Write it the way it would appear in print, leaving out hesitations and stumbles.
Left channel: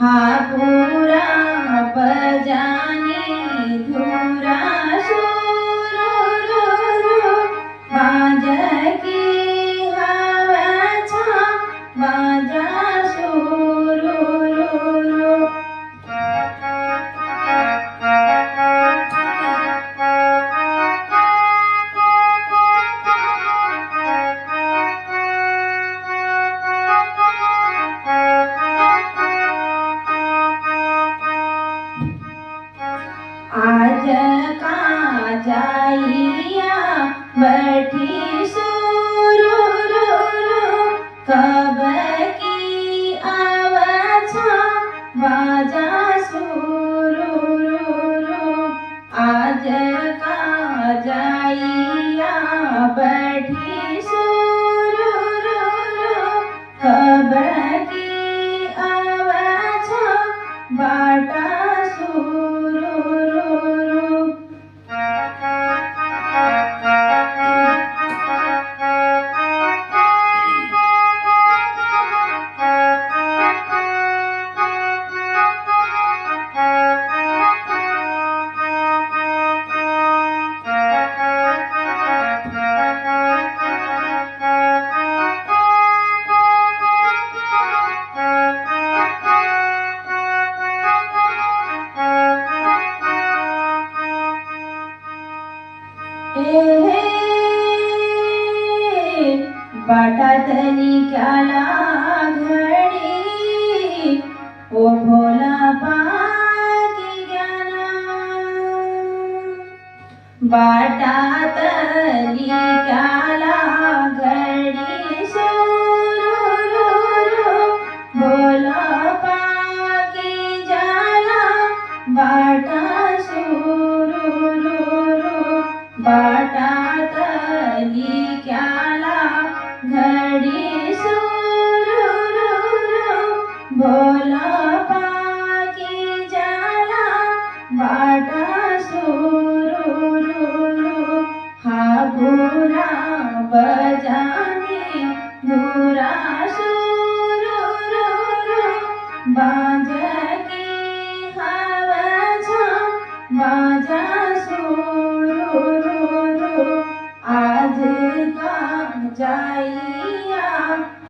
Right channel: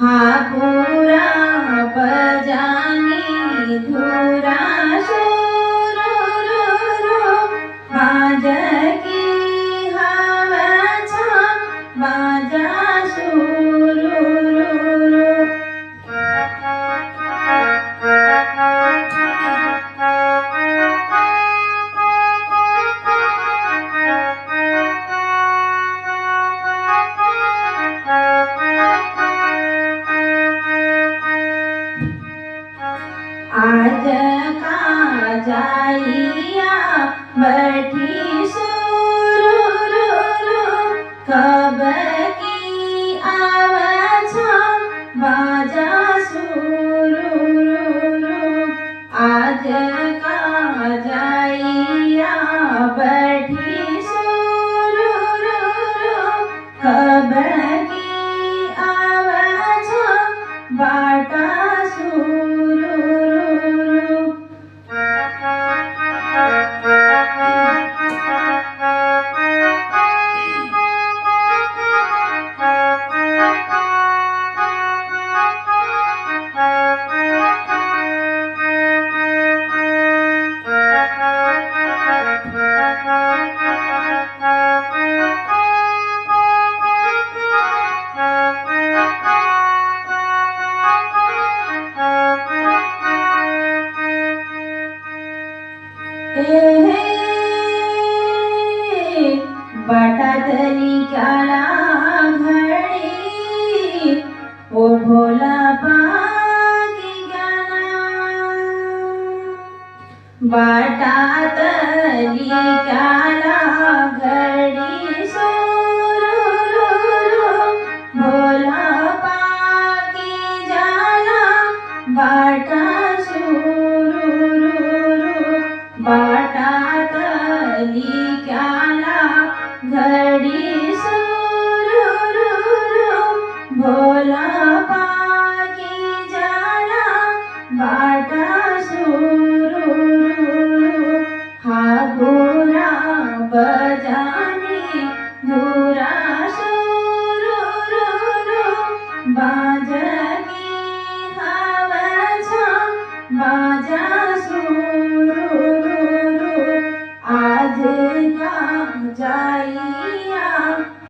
हापुरा बजानी धुरा सुरुरुरु बाजकी हवा छा बाजा सुरुरुरु आज का जाइया बैठी सुरुरुरु कब की आवाज़ा बाजा सुरुरुरु आज का जाइया बैठी सुरुरुरु कब की आवाज़ा बाटा बाटातली क्याला घडी ओ भोला पाकी ज्ञाना बाटातली क्याला घडी सुरुरुरु भोला पाकी जाला बाटा सुरुरुरु बाटातली क्याला घडी सुरुरुरु भोला पाकी जाला बाटा सुरुरुरु हापुरा बजानी धुरा सुरुरुरु बाजकी हवा छा बाजा